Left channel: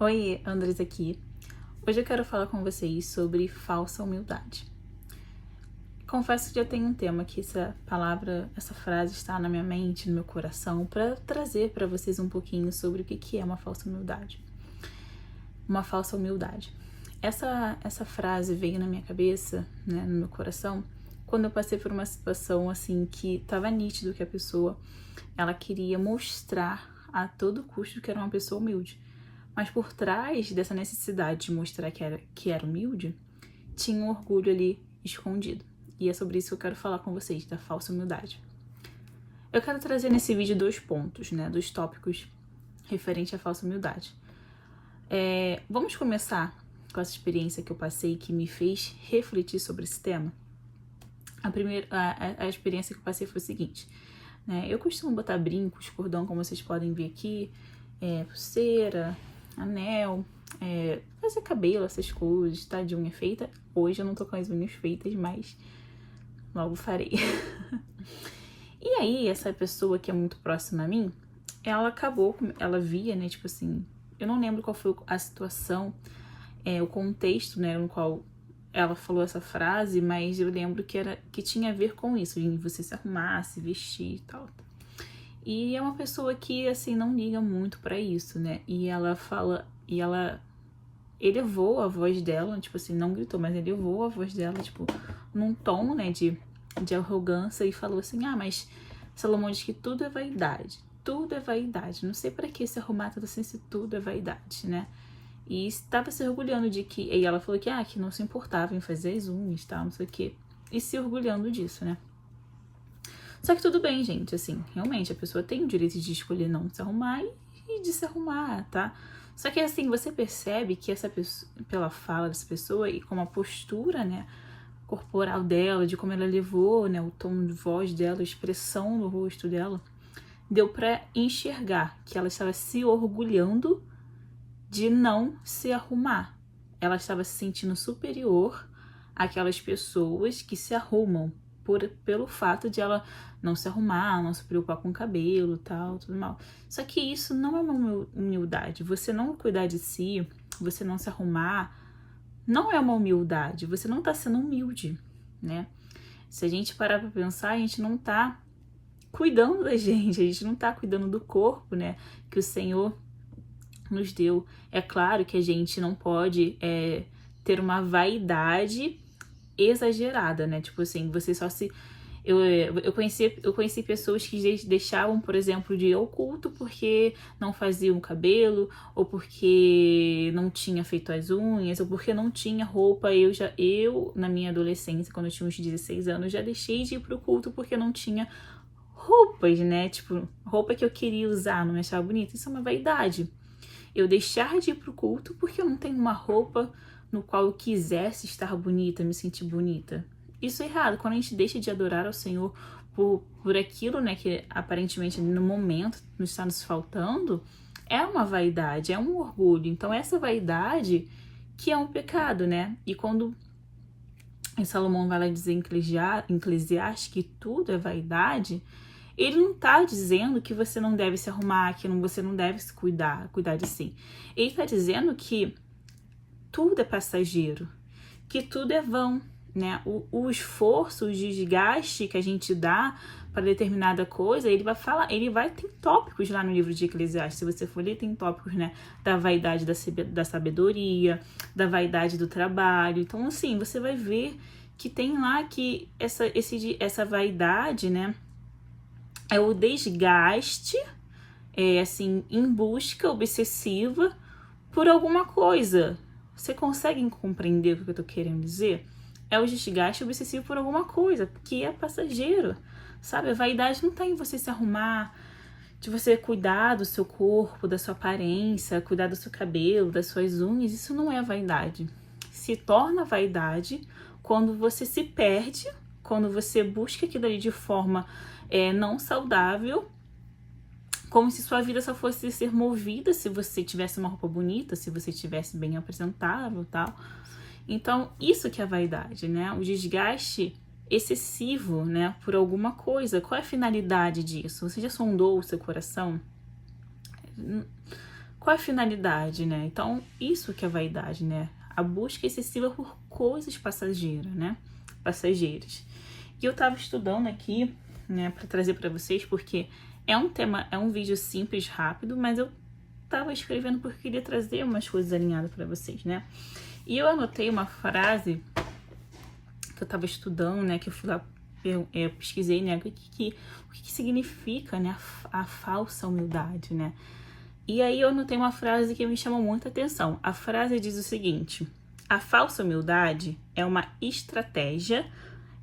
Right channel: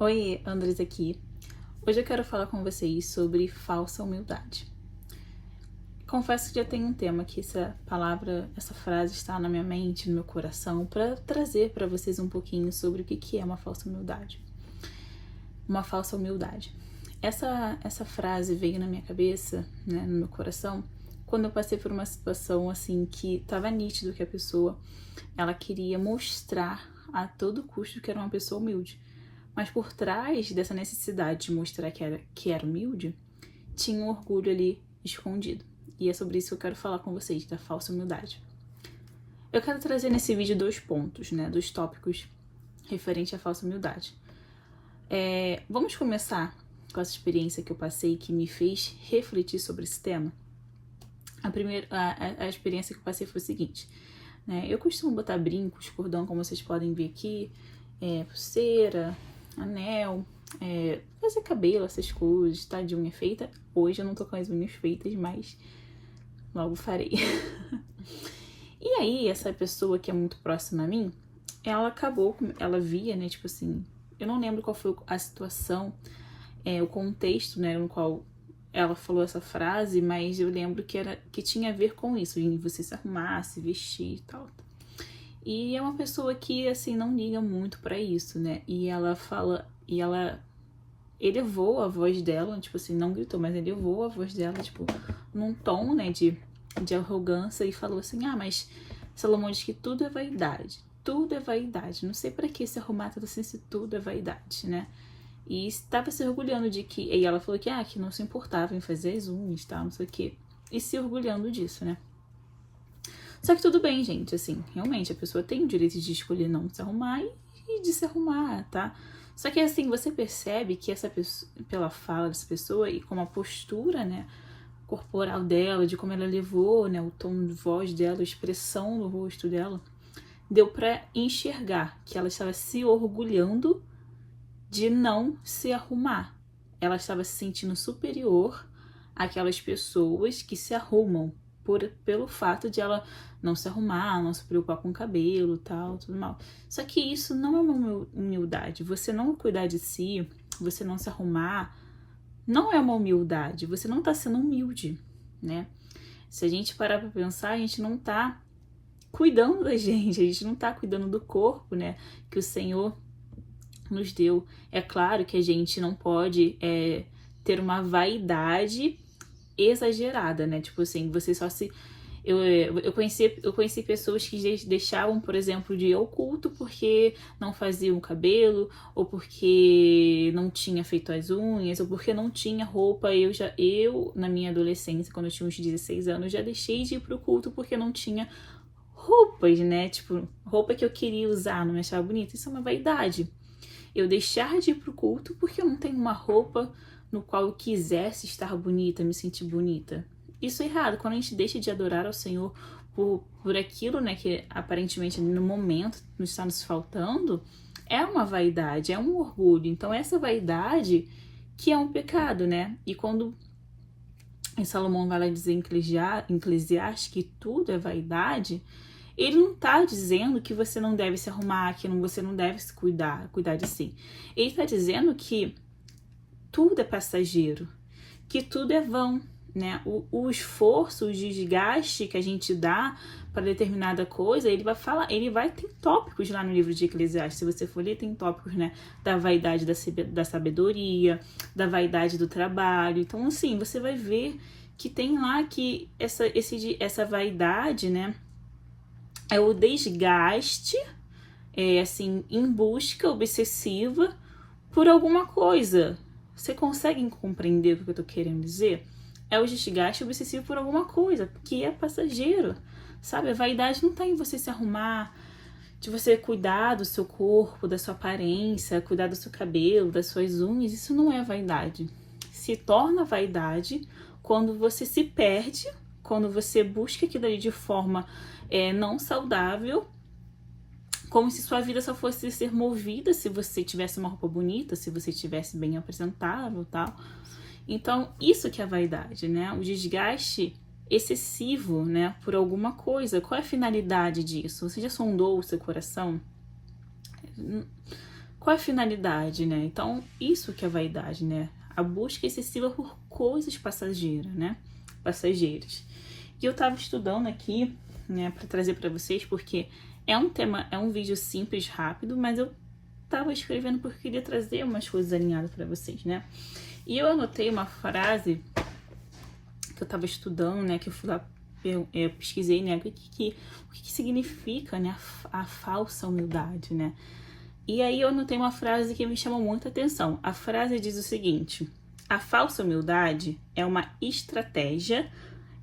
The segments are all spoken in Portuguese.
Oi, Andres aqui. Hoje eu quero falar com vocês sobre falsa humildade. Confesso que já tem um tema que essa frase está na minha mente, no meu coração, para trazer para vocês um pouquinho sobre o que é uma falsa humildade. Uma falsa humildade. Essa frase veio na minha cabeça, né, no meu coração, quando eu passei por uma situação assim que estava nítido que a pessoa ela queria mostrar a todo custo que era uma pessoa humilde. Mas por trás dessa necessidade de mostrar que era humilde, tinha um orgulho ali escondido. E é sobre isso que eu quero falar com vocês, da falsa humildade. Eu quero trazer nesse vídeo 2 pontos, né, 2 tópicos referente à falsa humildade. Vamos começar com essa experiência que eu passei que me fez refletir sobre esse tema. A experiência que eu passei foi o seguinte, né, eu costumo botar brincos, cordão, como vocês podem ver aqui, pulseira, anel, fazer cabelo, essas coisas, tá? De unha feita. Hoje eu não tô com as unhas feitas, mas logo farei. E aí, essa pessoa que é muito próxima a mim, ela via, né, tipo assim, eu não lembro qual foi a situação, o contexto, né, no qual ela falou essa frase, mas eu lembro que tinha a ver com isso, em você se arrumar, se vestir e tal. E é uma pessoa que, assim, não liga muito pra isso, né? E ela elevou a voz dela, tipo assim, não gritou, mas elevou a voz dela, tipo, num tom, né, de arrogância e falou assim, mas Salomão diz que tudo é vaidade, não sei pra que se arrumar tudo assim se tudo é vaidade, né? E estava se orgulhando de que, e ela falou que não se importava em fazer as unhas e tal, não sei o que, e se orgulhando disso, né? Só que tudo bem, gente, assim, realmente a pessoa tem o direito de escolher não se arrumar e de se arrumar, tá? Só que assim, você percebe que essa pessoa, pela fala dessa pessoa e com a postura, né, corporal dela, de como ela levou, né, o tom de voz dela, a expressão no rosto dela, deu pra enxergar que ela estava se orgulhando de não se arrumar. Ela estava se sentindo superior àquelas pessoas que se arrumam pelo fato de ela não se arrumar, não se preocupar com o cabelo, tal, tudo mal. Só que isso não é uma humildade. Você não cuidar de si, você não se arrumar, não é uma humildade. Você não tá sendo humilde, né? Se a gente parar pra pensar, a gente não tá cuidando da gente, a gente não tá cuidando do corpo, né? Que o Senhor nos deu. É claro que a gente não pode ter uma vaidade exagerada, né? Tipo assim, você só se... Eu conheci pessoas que deixavam, por exemplo, de ir ao culto porque não faziam cabelo, ou porque não tinha feito as unhas, ou porque não tinha roupa. Eu na minha adolescência, quando eu tinha uns 16 anos, já deixei de ir pro culto porque não tinha roupas, né? Tipo, roupa que eu queria usar, não me achava bonita. Isso é uma vaidade. Eu deixar de ir pro culto porque eu não tenho uma roupa no qual eu quisesse estar bonita, me sentir bonita. Isso é errado. Quando a gente deixa de adorar ao Senhor por aquilo, né, que aparentemente no momento nos está nos faltando, é uma vaidade, é um orgulho. Então essa vaidade que é um pecado, né? E quando Salomão vai lá dizer em Eclesiastes que tudo é vaidade, ele não tá dizendo que você não deve se arrumar, que você não deve se cuidar de si. Ele tá dizendo que tudo é passageiro, que tudo é vão, né? O esforço, o desgaste que a gente dá para determinada coisa, ele vai ter tópicos lá no livro de Eclesiastes. Se você for ler, tem tópicos, né, da vaidade da sabedoria, da vaidade do trabalho. Então, assim, você vai ver que tem lá que essa vaidade, né, é o desgaste, assim, em busca obsessiva por alguma coisa. Você consegue compreender o que eu tô querendo dizer? É o desgaste obsessivo por alguma coisa, que é passageiro, sabe? A vaidade não tá em você se arrumar, de você cuidar do seu corpo, da sua aparência, cuidar do seu cabelo, das suas unhas. Isso não é vaidade. Se torna vaidade quando você se perde, quando você busca aquilo ali de forma não saudável, como se sua vida só fosse ser movida se você tivesse uma roupa bonita, se você estivesse bem apresentável e tal. Então, isso que é vaidade, né? O desgaste excessivo, né, por alguma coisa. Qual é a finalidade disso? Você já sondou o seu coração? qual é a finalidade, né? Então, isso que é vaidade, né? A busca excessiva por coisas passageiras, né? Passageiras. E eu tava estudando aqui, né, para trazer para vocês, porque é um tema, é um vídeo simples, rápido, mas eu tava escrevendo porque eu queria trazer umas coisas alinhadas para vocês, né? E eu anotei uma frase que eu tava estudando, né, que eu fui lá, pesquisei, né, o que significa, né, a falsa humildade, né? E aí eu anotei uma frase que me chamou muita atenção. A frase diz o seguinte: a falsa humildade é uma estratégia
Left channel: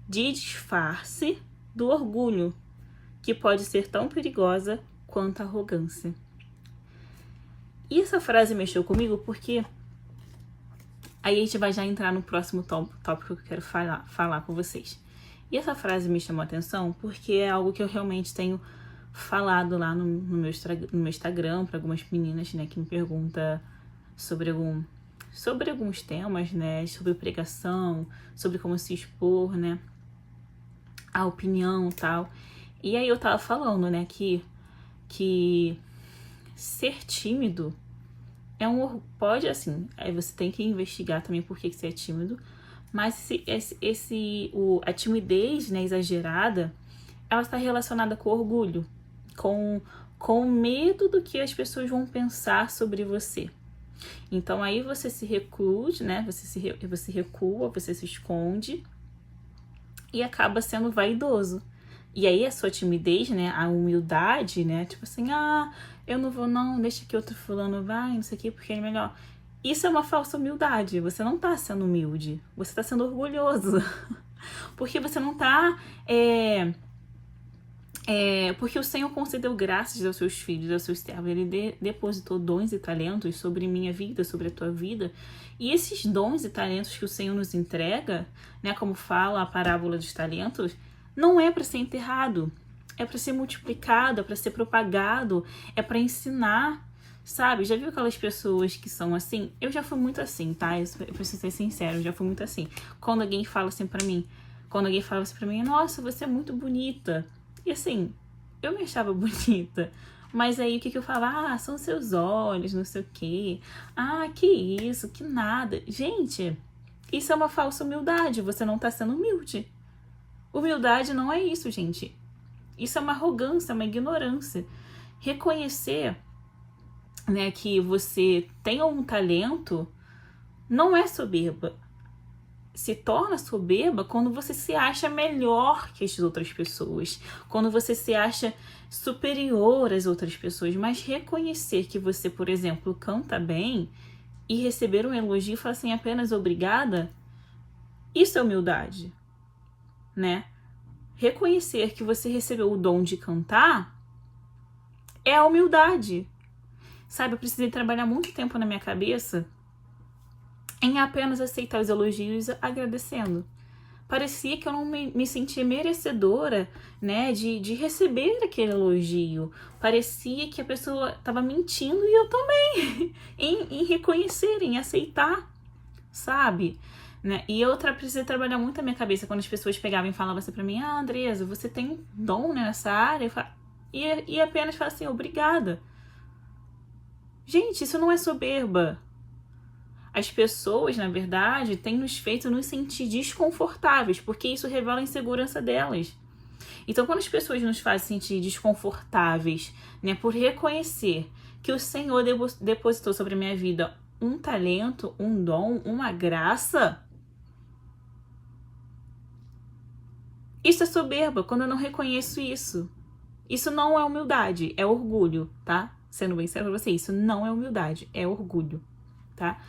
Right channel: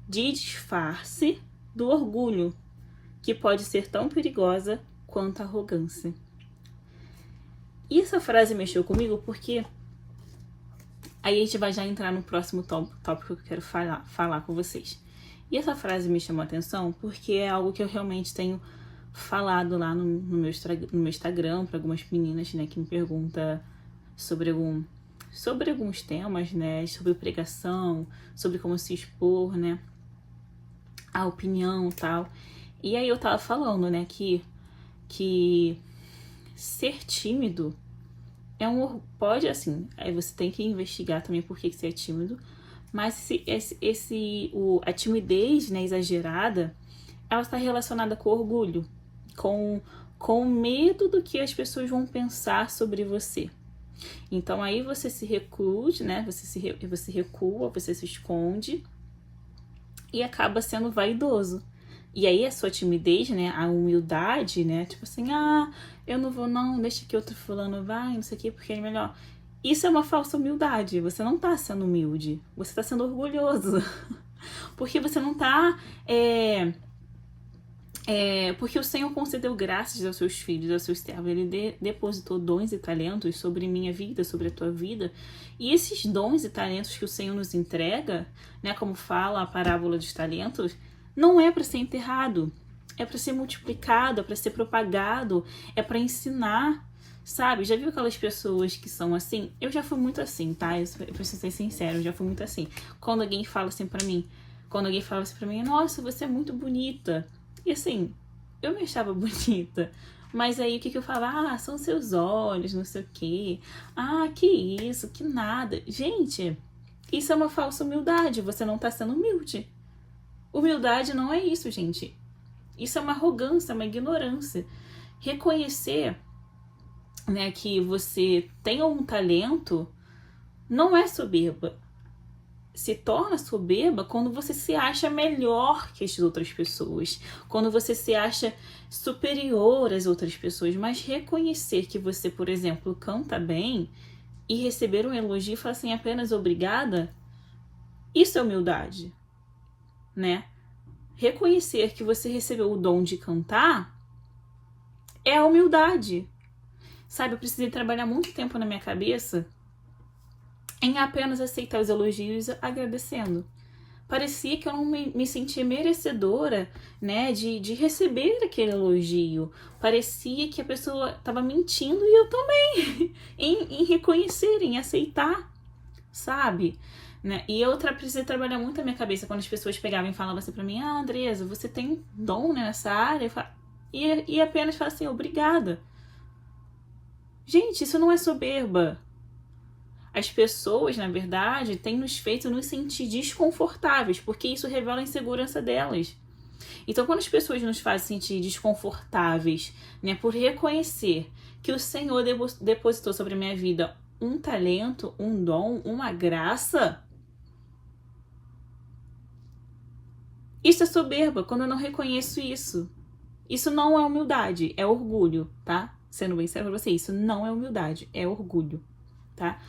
de disfarce do orgulho, que pode ser tão perigosa quanto a arrogância. E essa frase mexeu comigo porque aí a gente vai já entrar no próximo tópico que eu quero falar com vocês. E essa frase me chamou a atenção porque é algo que eu realmente tenho falado lá no meu Instagram para algumas meninas, né, que me perguntam sobre alguns temas, né, sobre pregação, sobre como se expor, né, a opinião e tal. E aí eu tava falando, né, que ser tímido pode, assim, aí você tem que investigar também por que você é tímido, mas a timidez, né, exagerada, ela está relacionada com orgulho, com medo do que as pessoas vão pensar sobre você. Então aí você se recluse, né, você recua, você se esconde e acaba sendo vaidoso. E aí a sua timidez, né, a humildade, né, tipo assim, eu não vou não, deixa que outro fulano vai, não sei o que, porque ele é melhor. Isso é uma falsa humildade, você não tá sendo humilde, você tá sendo orgulhoso. Porque você não tá, porque o Senhor concedeu graças aos seus filhos, aos seus servos, Ele depositou dons e talentos sobre minha vida, sobre a tua vida, e esses dons e talentos que o Senhor nos entrega, né, como fala a parábola dos talentos, não é para ser enterrado, é para ser multiplicado, é para ser propagado, é para ensinar, sabe? Já viu aquelas pessoas que são assim? Eu já fui muito assim, tá? Eu preciso ser sincero, eu já fui muito assim. Quando alguém fala assim pra mim, nossa, você é muito bonita. E assim, eu me achava bonita. Mas aí o que eu falava? São seus olhos, não sei o quê. Que isso, que nada. Gente, isso é uma falsa humildade, você não tá sendo humilde. Humildade não é isso, gente. Isso é uma arrogância, uma ignorância. Reconhecer, né, que você tem um talento não é soberba. Se torna soberba quando você se acha melhor que as outras pessoas, quando você se acha superior às outras pessoas. Mas reconhecer que você, por exemplo, canta bem e receber um elogio e falar assim, apenas obrigada, isso é humildade, né? Reconhecer que você recebeu o dom de cantar é a humildade. Sabe, eu precisei trabalhar muito tempo na minha cabeça em apenas aceitar os elogios agradecendo. Parecia que eu não me sentia merecedora, né, de receber aquele elogio. Parecia que a pessoa estava mentindo e eu também, em reconhecer, em aceitar, sabe? Né? E eu precisei trabalhar muito na minha cabeça quando as pessoas pegavam e falavam assim pra mim, Andresa, você tem um dom, né, nessa área? E apenas falavam assim, obrigada. Gente, isso não é soberba. As pessoas, na verdade, têm nos feito nos sentir desconfortáveis, porque isso revela a insegurança delas. Então, quando as pessoas nos fazem sentir desconfortáveis, né, por reconhecer que o Senhor depositou sobre a minha vida um talento, um dom, uma graça, isso é soberba, quando eu não reconheço isso. Isso não é humildade, é orgulho, tá? Sendo bem sério pra você, isso não é humildade, é orgulho, tá?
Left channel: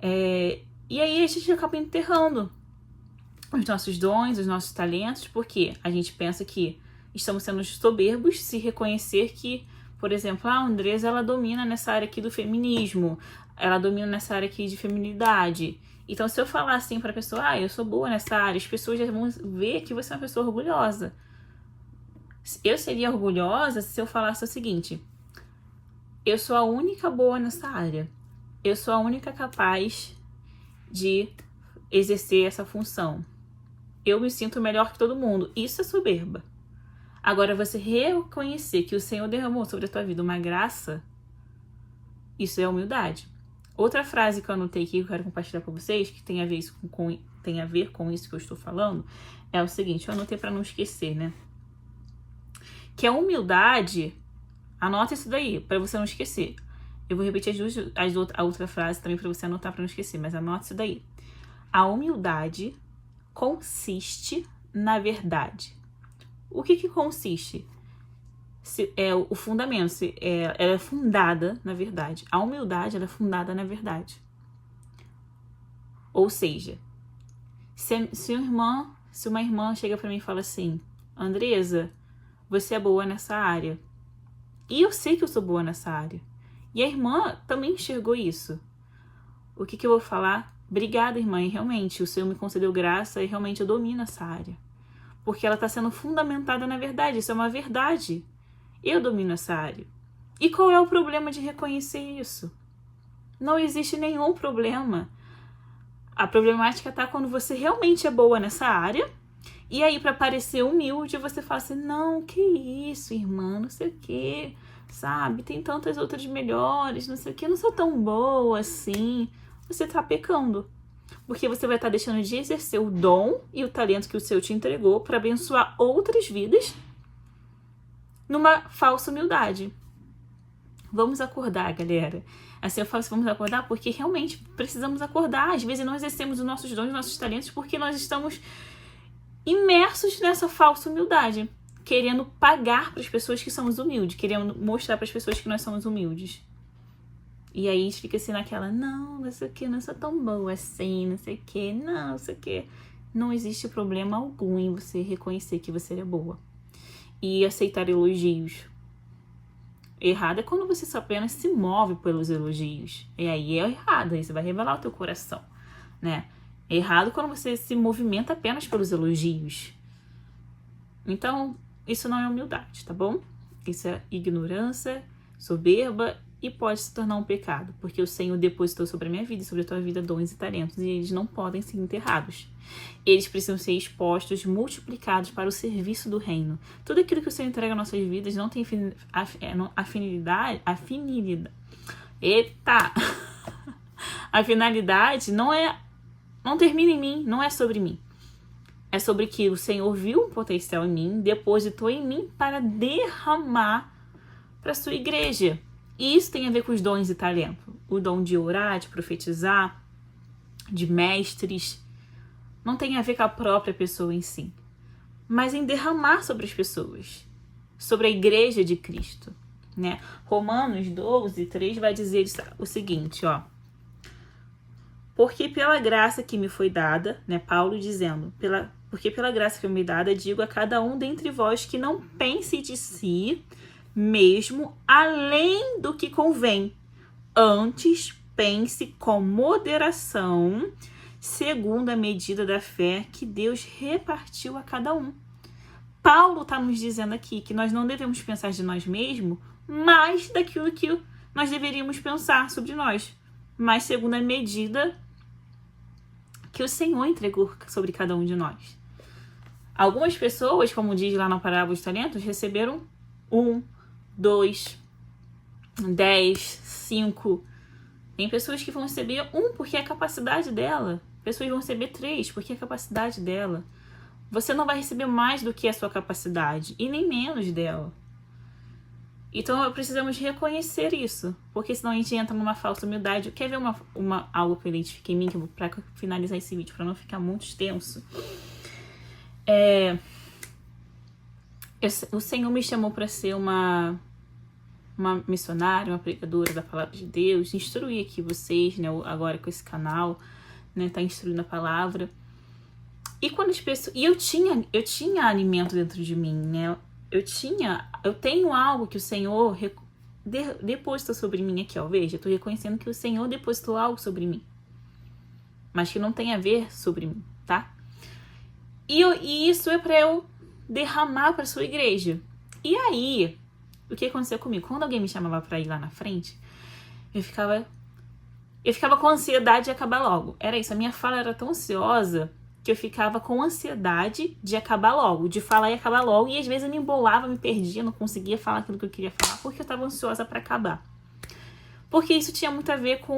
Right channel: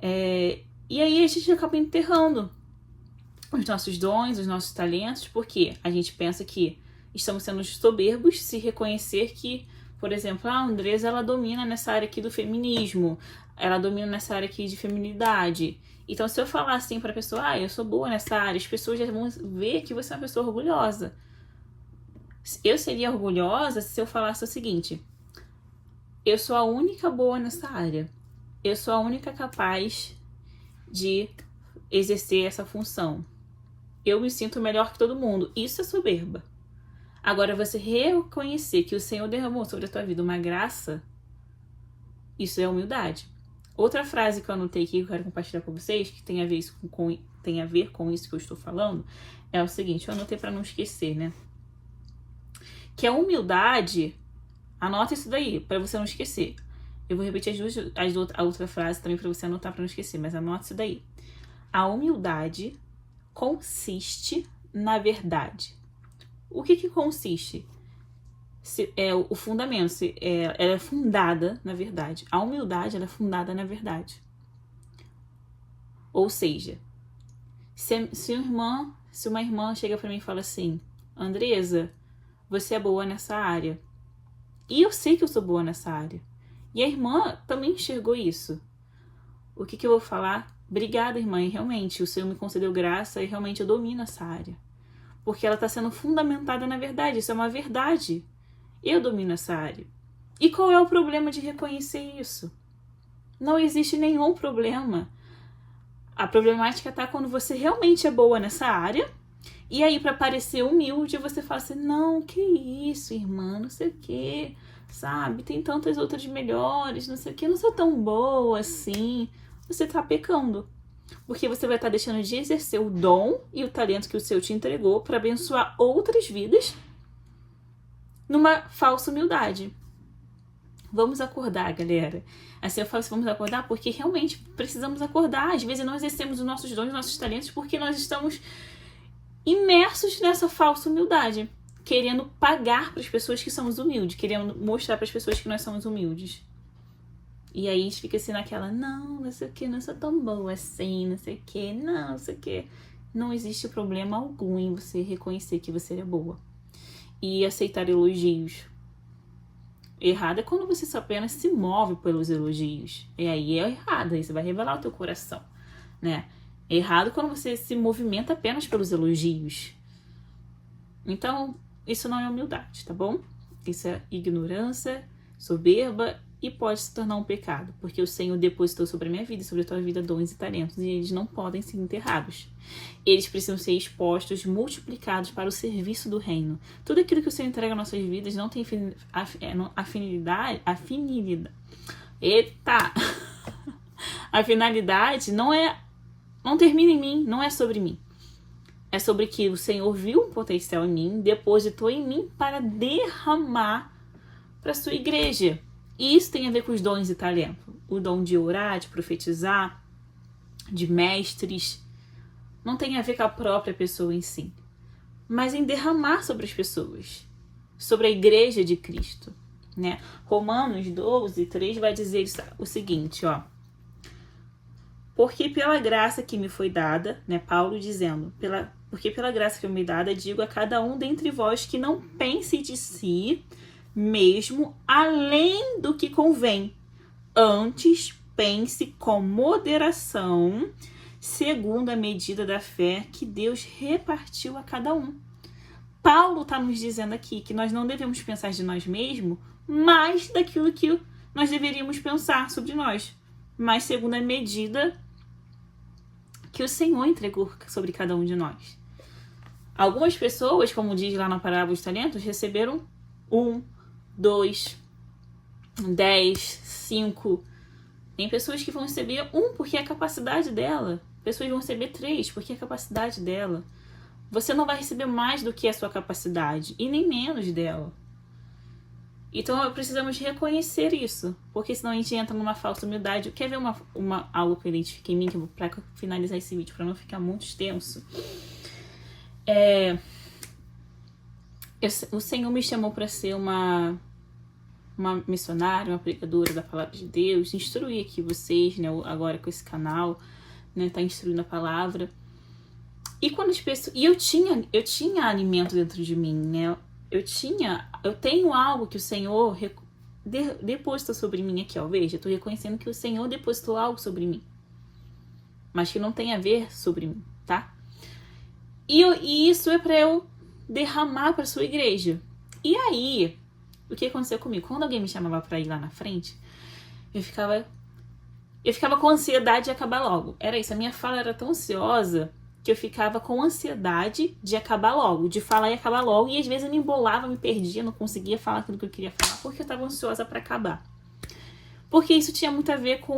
E aí a gente acaba enterrando os nossos dons, os nossos talentos, porque a gente pensa que estamos sendo soberbos se reconhecer que, por exemplo, a Andresa, ela domina nessa área aqui do feminismo, ela domina nessa área aqui de feminilidade. Então, se eu falar assim pra pessoa, eu sou boa nessa área, as pessoas já vão ver que você é uma pessoa orgulhosa. Eu seria orgulhosa se eu falasse o seguinte, eu sou a única boa nessa área, eu sou a única capaz de exercer essa função. Eu me sinto melhor que todo mundo. Isso é soberba. Agora, você reconhecer que o Senhor derramou sobre a tua vida uma graça, Isso é humildade. Outra frase que eu anotei aqui que eu quero compartilhar com vocês, que tem a ver com isso que eu estou falando, é o seguinte, eu anotei para não esquecer, né? Que a humildade, anota isso daí, para você não esquecer. Eu vou repetir a outra frase também para você anotar para não esquecer, mas anota isso daí. A humildade consiste na verdade. O que consiste? O fundamento, ela é fundada na verdade. A humildade, ela é fundada na verdade. Ou seja, se uma irmã chega para mim e fala assim, Andresa, você é boa nessa área. E eu sei que eu sou boa nessa área. E a irmã também enxergou isso. O que eu vou falar? Obrigada, irmã, e realmente, o Senhor me concedeu graça e realmente eu domino essa área. Porque ela está sendo fundamentada na verdade, isso é uma verdade. Eu domino essa área. E qual é o problema de reconhecer isso? Não existe nenhum problema. A problemática está quando você realmente é boa nessa área, e aí para parecer humilde, você fala assim, não, que isso, irmã, não sei o quê, sabe? Tem tantas outras melhores, não sei o quê, não sou tão boa assim. Você está pecando. Porque você vai estar deixando de exercer o dom e o talento que o Senhor te entregou para abençoar outras vidas numa falsa humildade. Vamos acordar, galera. Assim eu falo assim, vamos acordar porque realmente precisamos acordar. Às vezes não exercemos os nossos dons, os nossos talentos porque nós estamos imersos nessa falsa humildade. Querendo pagar para as pessoas que somos humildes. Querendo mostrar para as pessoas que nós somos humildes. E aí a gente fica assim naquela, não sei o que, não sou tão boa assim, não sei o que, não sei o que. Não existe problema algum em você reconhecer que você é boa. E aceitar elogios. Errado é quando você só apenas se move pelos elogios. E aí é errado, aí você vai revelar o teu coração, né? É errado quando você se movimenta apenas pelos elogios. Então, isso não é humildade, tá bom? Isso é ignorância, soberba e pode se tornar um pecado, porque o Senhor depositou sobre a minha vida e sobre a tua vida dons e talentos, e eles não podem ser enterrados. Eles precisam ser expostos, multiplicados para o serviço do reino. Tudo aquilo que o Senhor entrega às nossas vidas não tem afinidade. Eita! A finalidade não termina em mim, não é sobre mim. É sobre que o Senhor viu um potencial em mim, depositou em mim para derramar para a sua igreja. E isso tem a ver com os dons e talentos. O dom de orar, de profetizar, de mestres. Não tem a ver com a própria pessoa em si. Mas em derramar sobre as pessoas. Sobre a igreja de Cristo. Né? Romanos 12, 3 vai dizer o seguinte, ó. Porque pela graça que me foi dada, né? Paulo dizendo, porque pela graça que me foi dada, digo a cada um dentre vós que não pense de si mesmo além do que convém. Antes, pense com moderação, segundo a medida da fé que Deus repartiu a cada um. Paulo está nos dizendo aqui que nós não devemos pensar de nós mesmos mais daquilo que nós deveríamos pensar sobre nós, mas segundo a medida que o Senhor entregou sobre cada um de nós. Algumas pessoas, como diz lá na parábola dos talentos, receberam 1, 2, 10, 5. Tem pessoas que vão receber 1 porque é a capacidade dela. Pessoas vão receber 3 porque é a capacidade dela. Você não vai receber mais do que a sua capacidade e nem menos dela. Então precisamos reconhecer isso, porque senão a gente entra numa falsa humildade. Quer ver algo que eu identifiquei em mim, para finalizar esse vídeo, para não ficar muito extenso? O Senhor me chamou para ser uma missionária, uma pregadora da palavra de Deus, instruir aqui vocês, né, agora com esse canal, né, tá instruindo a palavra. E quando as pessoas, eu tinha alimento dentro de mim, né? Eu tenho algo que o Senhor depositou sobre mim aqui, ó. Veja, eu tô reconhecendo que o Senhor depositou algo sobre mim, mas que não tem a ver sobre mim, tá? E isso é para eu derramar para sua igreja. E aí, o que aconteceu comigo? Quando alguém me chamava para ir lá na frente, eu ficava com ansiedade de acabar logo. Era isso, a minha fala era tão ansiosa que eu ficava com ansiedade de acabar logo, de falar e acabar logo, e às vezes eu me embolava, me perdia, não conseguia falar aquilo que eu queria falar, porque eu estava ansiosa para acabar. Porque isso tinha muito a ver com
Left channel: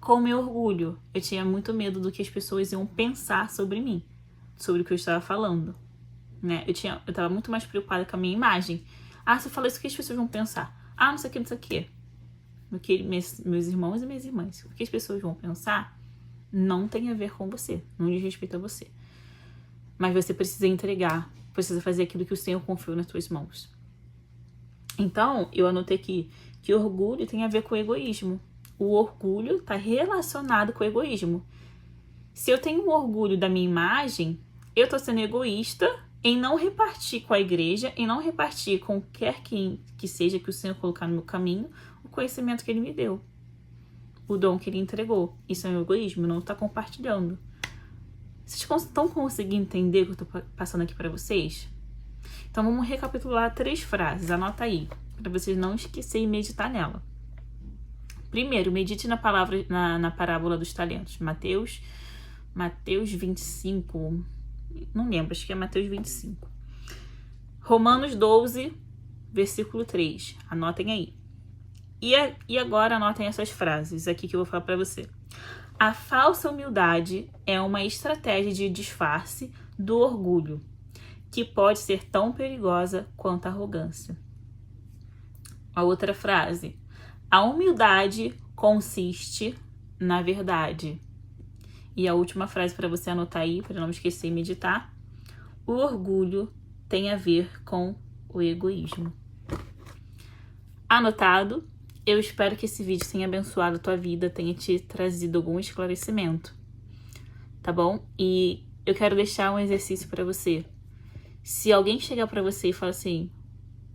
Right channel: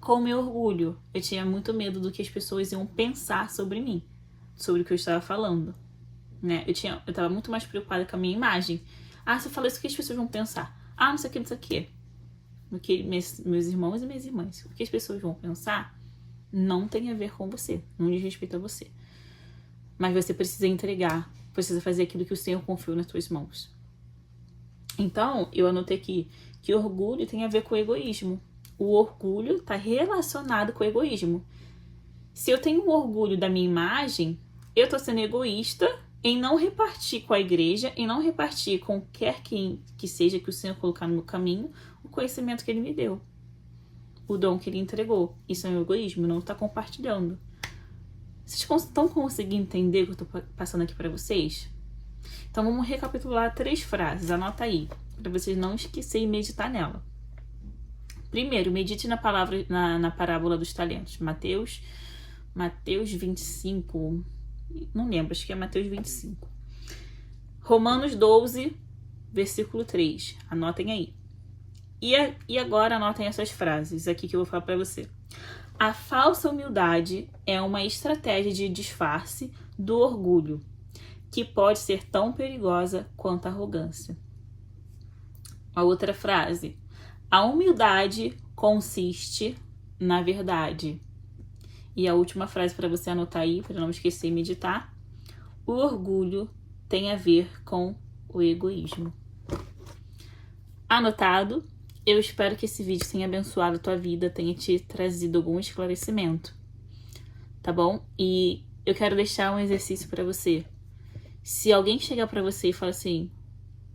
com o meu orgulho. Eu tinha muito medo do que as pessoas iam pensar sobre mim, sobre o que eu estava falando, né? Eu tava muito mais preocupada com a minha imagem. Ah, se eu falar isso, o que as pessoas vão pensar? Ah, não sei o que, não sei o que. O que meus irmãos e minhas irmãs. O que as pessoas vão pensar não tem a ver com você, não diz respeito a você. Mas você precisa entregar, precisa fazer aquilo que o Senhor confiou nas tuas mãos. Então, eu anotei aqui que orgulho tem a ver com egoísmo. O orgulho está relacionado com o egoísmo. Se eu tenho um orgulho da minha imagem, eu estou sendo egoísta em não repartir com a igreja, em não repartir com quer que seja que o Senhor colocar no meu caminho, o conhecimento que Ele me deu, o dom que Ele entregou. Isso é um egoísmo, não está compartilhando. Vocês estão conseguindo entender o que eu estou passando aqui para vocês? Então vamos recapitular 3 frases, anota aí, para vocês não esquecerem e meditar nela. Primeiro, medite na parábola dos talentos. Mateus 25, não lembro, acho que é Mateus 25. Romanos 12, versículo 3, anotem aí. E agora anotem essas frases aqui que eu vou falar para você. A falsa humildade é uma estratégia de disfarce do orgulho, que pode ser tão perigosa quanto a arrogância. A outra frase. A humildade consiste na verdade. E a última frase para você anotar aí, para não esquecer e meditar. O orgulho tem a ver com o egoísmo. Anotado? Eu espero que esse vídeo tenha abençoado a tua vida, tenha te trazido algum esclarecimento. Tá bom? E eu quero deixar um exercício para você. Se alguém chegar para você e falar assim,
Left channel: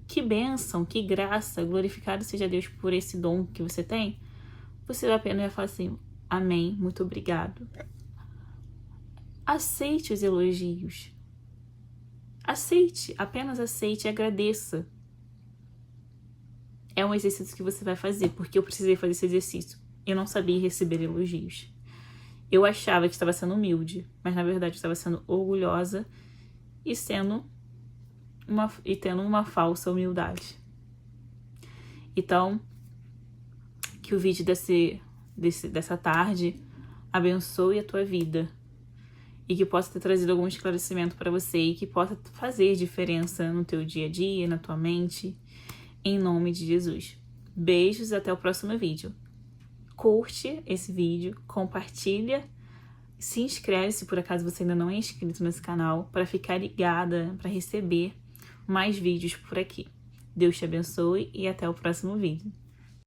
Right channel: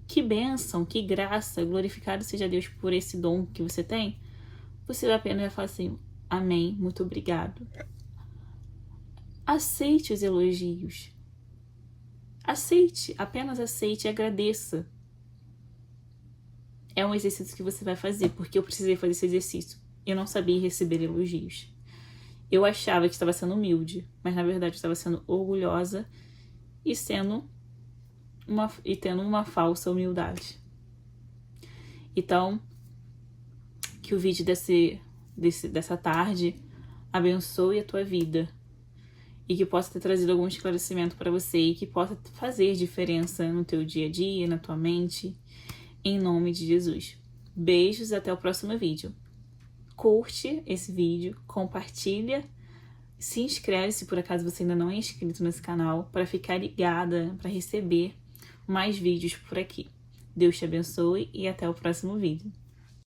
que bênção, que graça, glorificado seja Deus por esse dom que você tem, você vai apenas falar assim, amém, muito obrigado. Aceite os elogios. Aceite, apenas aceite e agradeça. É um exercício que você vai fazer, porque eu precisei fazer esse exercício. Eu não sabia receber elogios. Eu achava que estava sendo humilde, mas na verdade eu estava sendo orgulhosa e tendo uma falsa humildade. Então, que o vídeo dessa tarde abençoe a tua vida e que possa ter trazido algum esclarecimento para você e que possa fazer diferença no teu dia a dia, na tua mente, em nome de Jesus. Beijos, até o próximo vídeo. Curte esse vídeo, compartilha, se inscreve se por acaso você ainda não é inscrito nesse canal para ficar ligada, para receber mais vídeos por aqui. Deus te abençoe e até o próximo vídeo.